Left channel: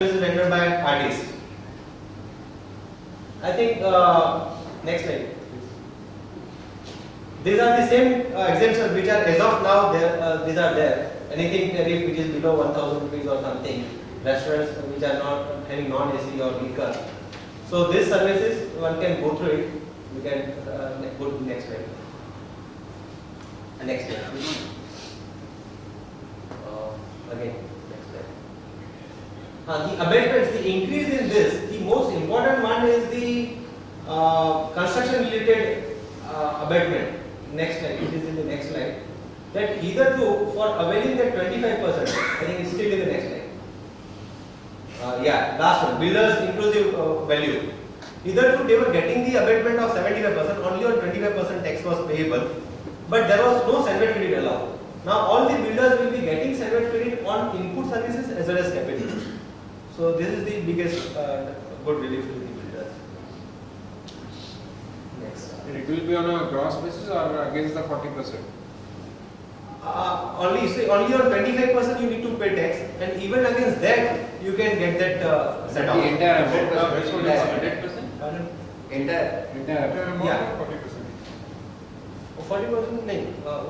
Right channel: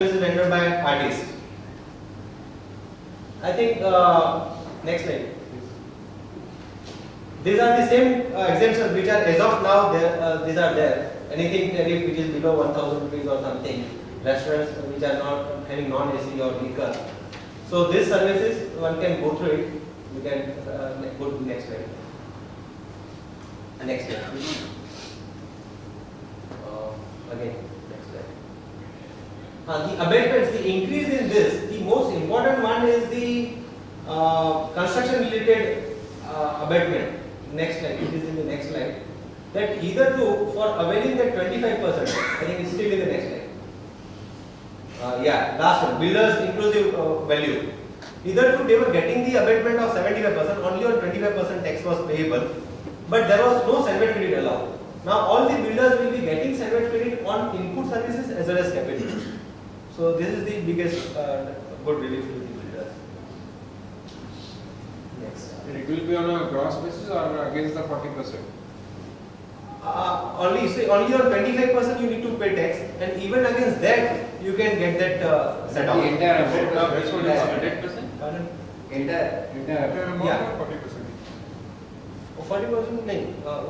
is rendered by artists. I think next slide. These are the same exemptions which are as of now there. These are there. Anything tariff which is below 1,000 rupees or something. Restaurants which are not having non-AC or liquor. So these services one can go through it. We can go to the next slide. Next slide. Again. The abatements, the increase in this, the most important one is the construction related abatement. Next slide, it is in the next slide. That either two for availing that 25%, I think it's still in the next slide. Last one, builders inclusive value. Either two they were getting the abatement of 75%, only on 25% tax was payable, but there was no salvage credit allowed. Now all the builders will be getting salvage credit on input services as well as capital. So this is the biggest good relief to the builders. Next. And it will be on a gross basis or against the 40%? Only on 25% you need to pay tax, and even against that you can get that set off. The entire amount. Which one is 100%? Pardon? Entire. Entire amount Yeah. or 40%? 40%? No.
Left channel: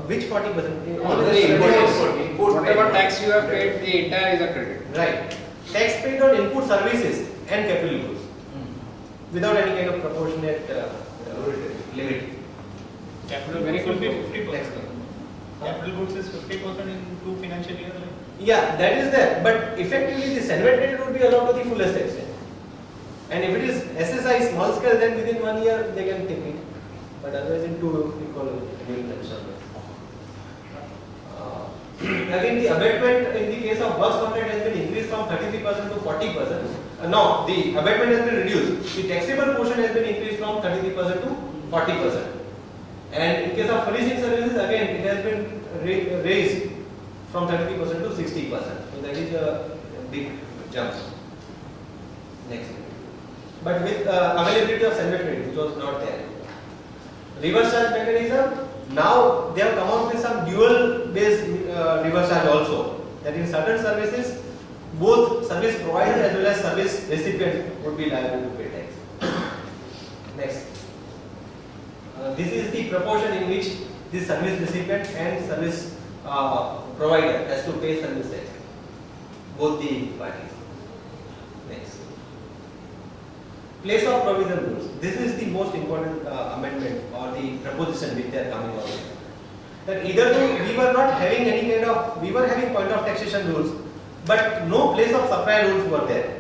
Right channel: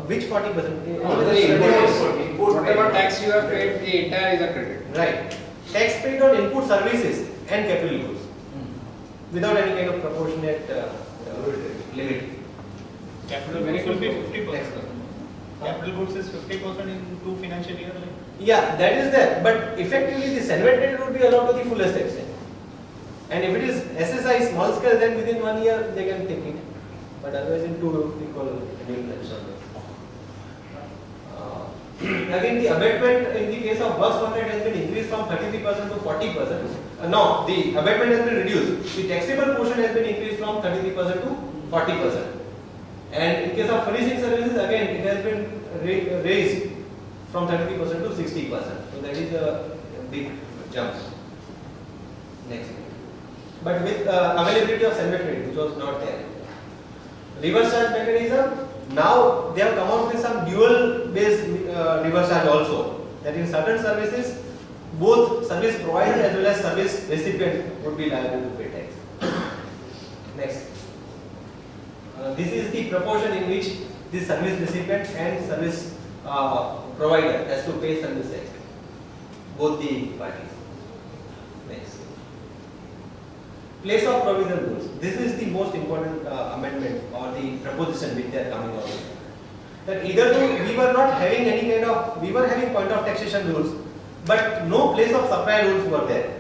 Which 40%? Whatever tax you have paid, the entire is a credit. Right. Tax paid on input services and capital goods without any kind of proportionate limit. Capital Very goods will be good. 50%. Capital goods is 50% in 2 financial years. Right? Yeah, that is there. But effectively, the salvage credit would be allowed to the fullest extent. And if it is SSI small scale, then within 1 year they can take it. But otherwise, in 2 equal again, the abatement in the case of works permit has been increased from 33% to 40%. No, the abatement has been reduced. The taxable portion has been increased from 33% to 40%. And in case of furnishing services, again, it has been raised from 33% to 60%. So that is a big jump. Next. But with availability of salvage credit, which was not there. Reverse charge mechanism. Now they have come out with some dual based reverse charge also. That in certain services, both service provider as well as service recipient would be liable to pay tax. Next. This is the proportion in which the service recipient and service provider has to pay service tax. Both the parties. Next. Place of provisional rules. This is the most important amendment or the proposition which they are coming out with. That either we were not having any kind of, we were having point of taxation rules, but no place of supply rules were there.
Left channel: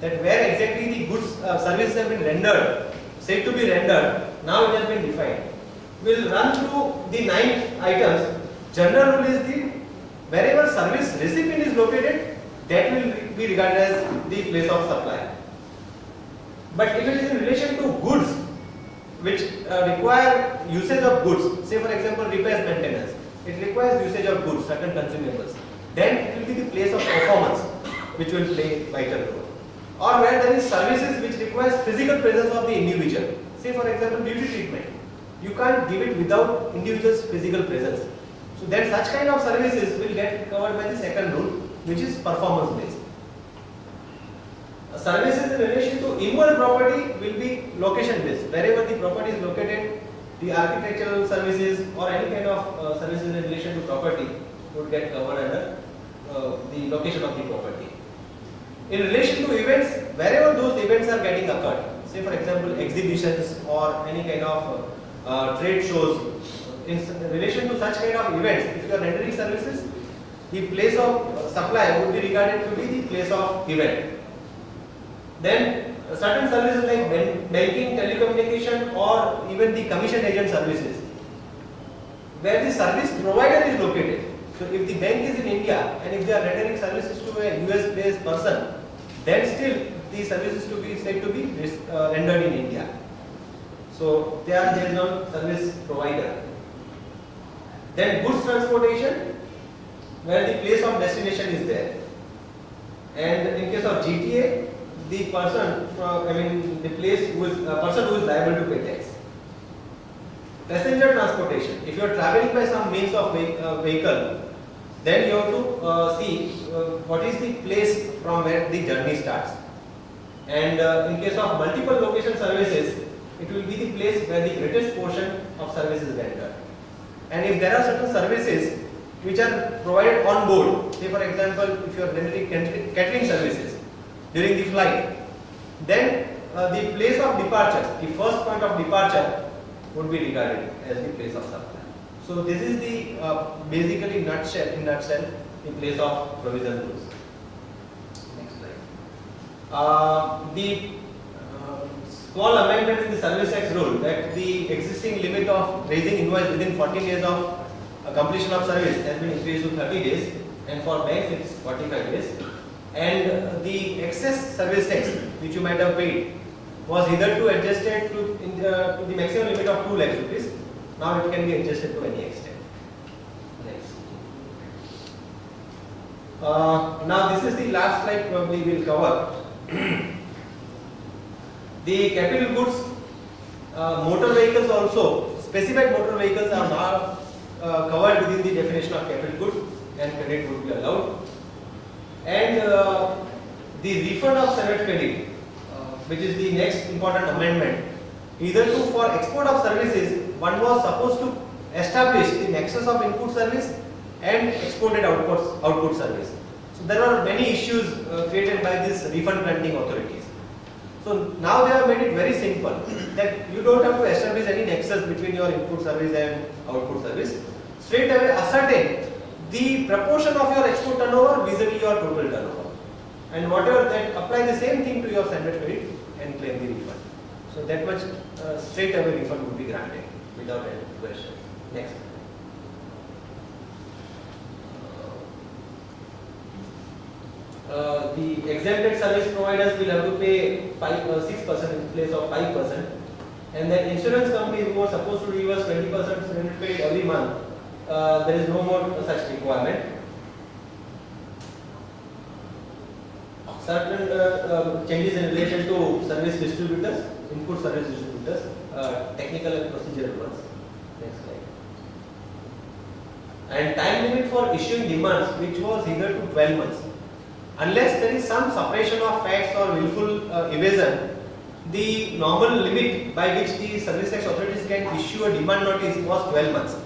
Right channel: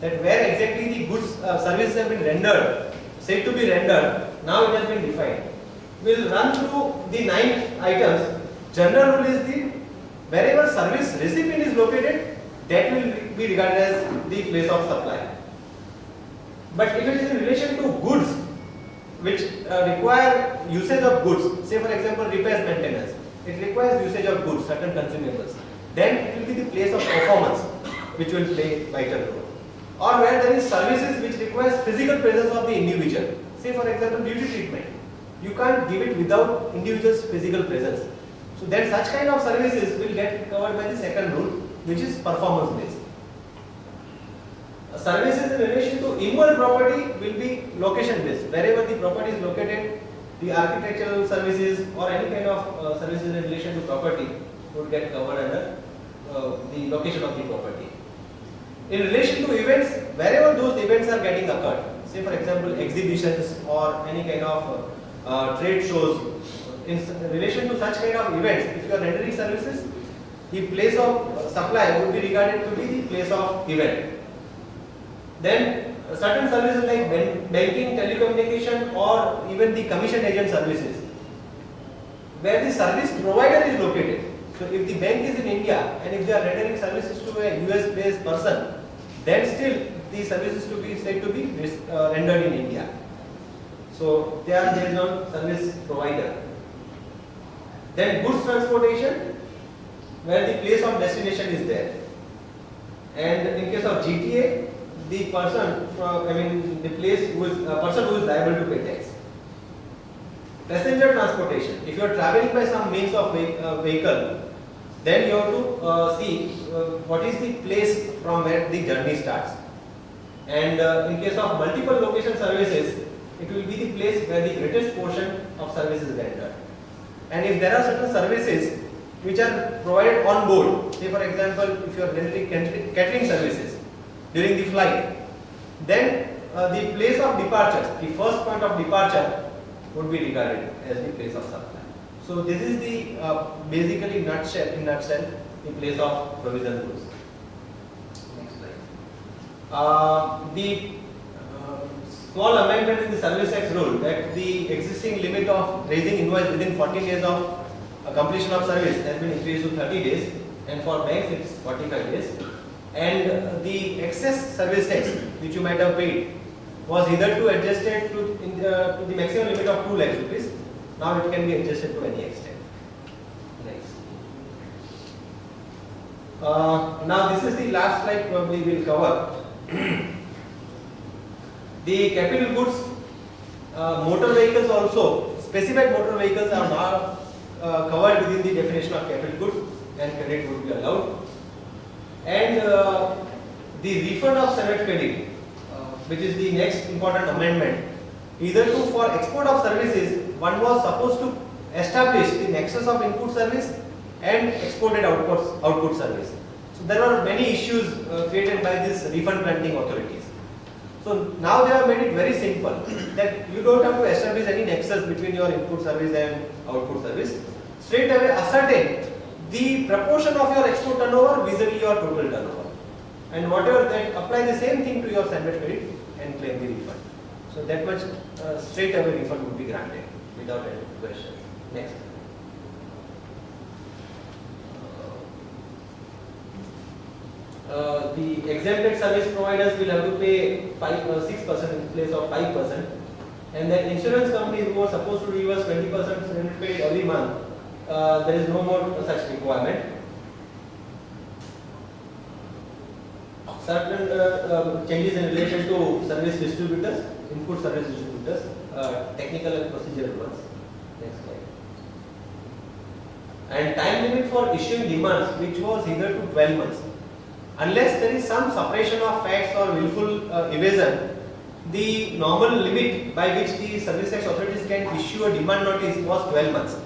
That where exactly the goods services have been rendered, said to be rendered, now it has been defined. We'll run through the 9 items. General rule is the wherever service recipient is located, that will be regarded as the place of supply. But if it is in relation to goods which require usage of goods, say for example repairs maintenance, it requires usage of goods, certain consumables, then it will be the place of performance which will play vital role. Or where there is services which requires physical presence of the individual, say for example beauty treatment, you can't give it without individual's physical presence. So then such kind of services will get covered by the second rule, which is performance based. Services in relation to immovable property will be location based. Wherever the property is located, the architectural services or any kind of services in relation to property would get covered under the location of the property. In relation to events, wherever those events are getting occurred, say for example exhibitions or any kind of trade shows, in relation to such kind of events, if you are rendering services, the place of supply would be regarded to be the place of event. Then certain services like banking, telecommunication or even the commission agent services, where the service provider is located. So if the bank is in India and if they are rendering services to a US based person, then still the services to be said to be rendered in India. So they are based on service provider. Then goods transportation, where the place of destination is there. And in case of GTA, the person, the place who is person who is liable to pay tax. Passenger transportation. If you are traveling by some means of vehicle, Then you have to see what is the place from where the journey starts. And in case of multiple location services, it will be the place where the greatest portion of service is rendered. And if there are certain services which are provided on board, say for example, if you are rendering catering services during the flight, then the place of departure, the first point of departure would be regarded as the place of supply. So this is the basically in nutshell, the place of provisional rules. Next slide. The small amendment in the service tax rule that the existing limit of raising invoice within 14 days of completion of service has been increased to 30 days, and for banks it's 45 days. And the excess service tax which you might have paid was either to adjusted to the maximum limit of 2 lakh rupees. Now it can be adjusted to any extent. Next. Now this is the last slide probably we'll cover. The capital goods, motor vehicles also, specified motor vehicles are now covered within the definition of capital goods, and credit would be allowed. And the refund of survey credit, which is the next important amendment, either to for export of services, one was supposed to establish the nexus of input service and exported output service. So there are many issues created by this refund granting authorities. So now they have made it very simple that you don't have to establish any nexus between your input service and output service. Straight away ascertain the proportion of your export turnover vis-a-vis your total turnover, and whatever that apply the same thing to your standard credit and claim the refund. So that much straight away refund would be granted without any question. Next. The exempted service providers will have to pay 6% in place of 5%, and then insurance companies who are supposed to give us 20% surrender paid every month, there is no more such requirement. Certain changes in relation to service distributors, input service distributors, technical and procedural ones. Next slide. And time limit for issuing demands, which was either to 12 months. Unless there is some suppression of facts or willful evasion, the normal limit by which the service tax authorities can issue a demand notice was 12 months.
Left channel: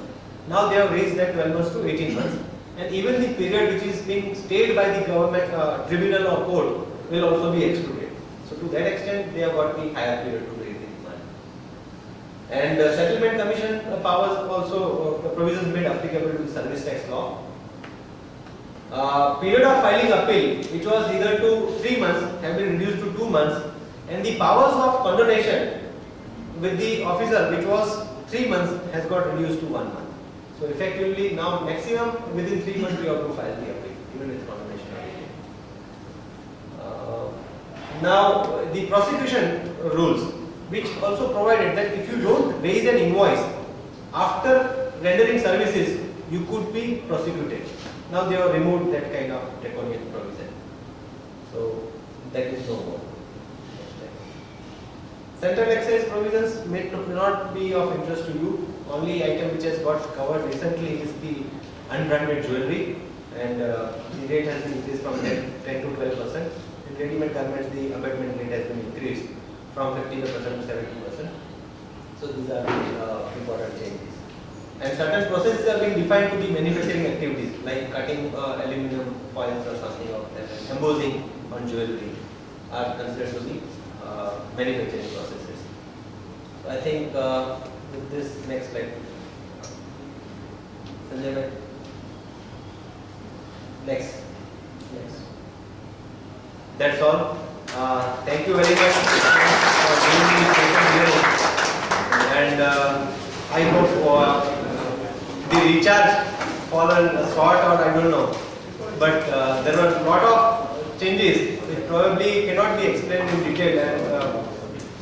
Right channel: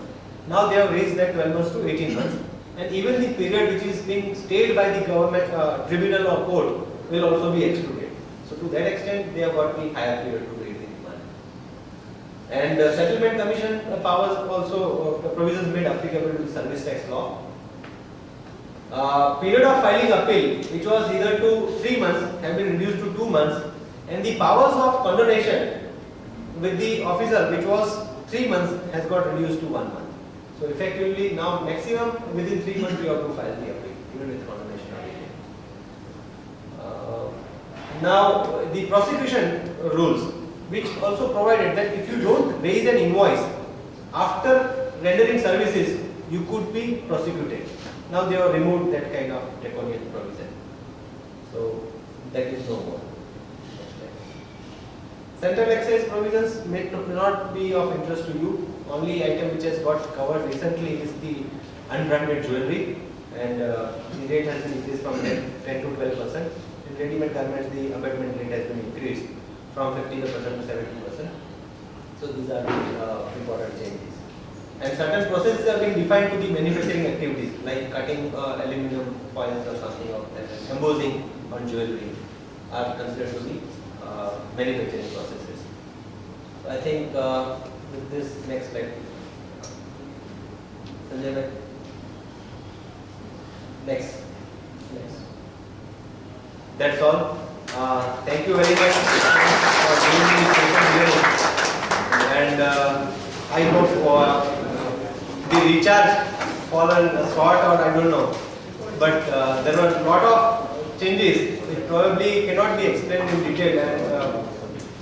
Now they have raised that 12 months to 18 months. And even the period which is being stayed by the government tribunal or court will also be excluded. So to that extent, they have got the higher period to raise the demand. And settlement commission powers also provisions made applicable to the service tax law. Period of filing appeal, which was either to 3 months, have been reduced to 2 months, and the powers of condonation with the officer, which was 3 months, has got reduced to 1 month. So effectively now maximum within 3 months you have to file the appeal, even with condonation. Now the prosecution rules, which also provided that if you don't raise an invoice after rendering services, you could be prosecuted. Now they have removed that kind of draconian provision. So that is no more. Central excise provisions may not be of interest to you. Only item which has got covered recently is the unbranded jewelry, and the rate has been increased from 10 to 12%. In ready-made garments, the abatement rate has been increased from 50% to 70%. So these are the important changes. And certain processes are being defined to the manufacturing activities, like cutting aluminum foils or something of that, embossing on jewelry are considered to be manufacturing processes. So I think with this next slide, Sanjay bhai. Next. That's all. Thank you very much for giving me this session here. And I hope the recharge fallen short, or I don't know. But there were a lot of changes which probably cannot be explained in detail, and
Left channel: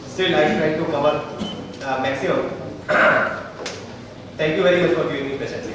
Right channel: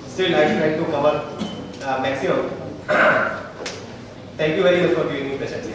still I tried to cover maximum. Thank you very much for giving me patience.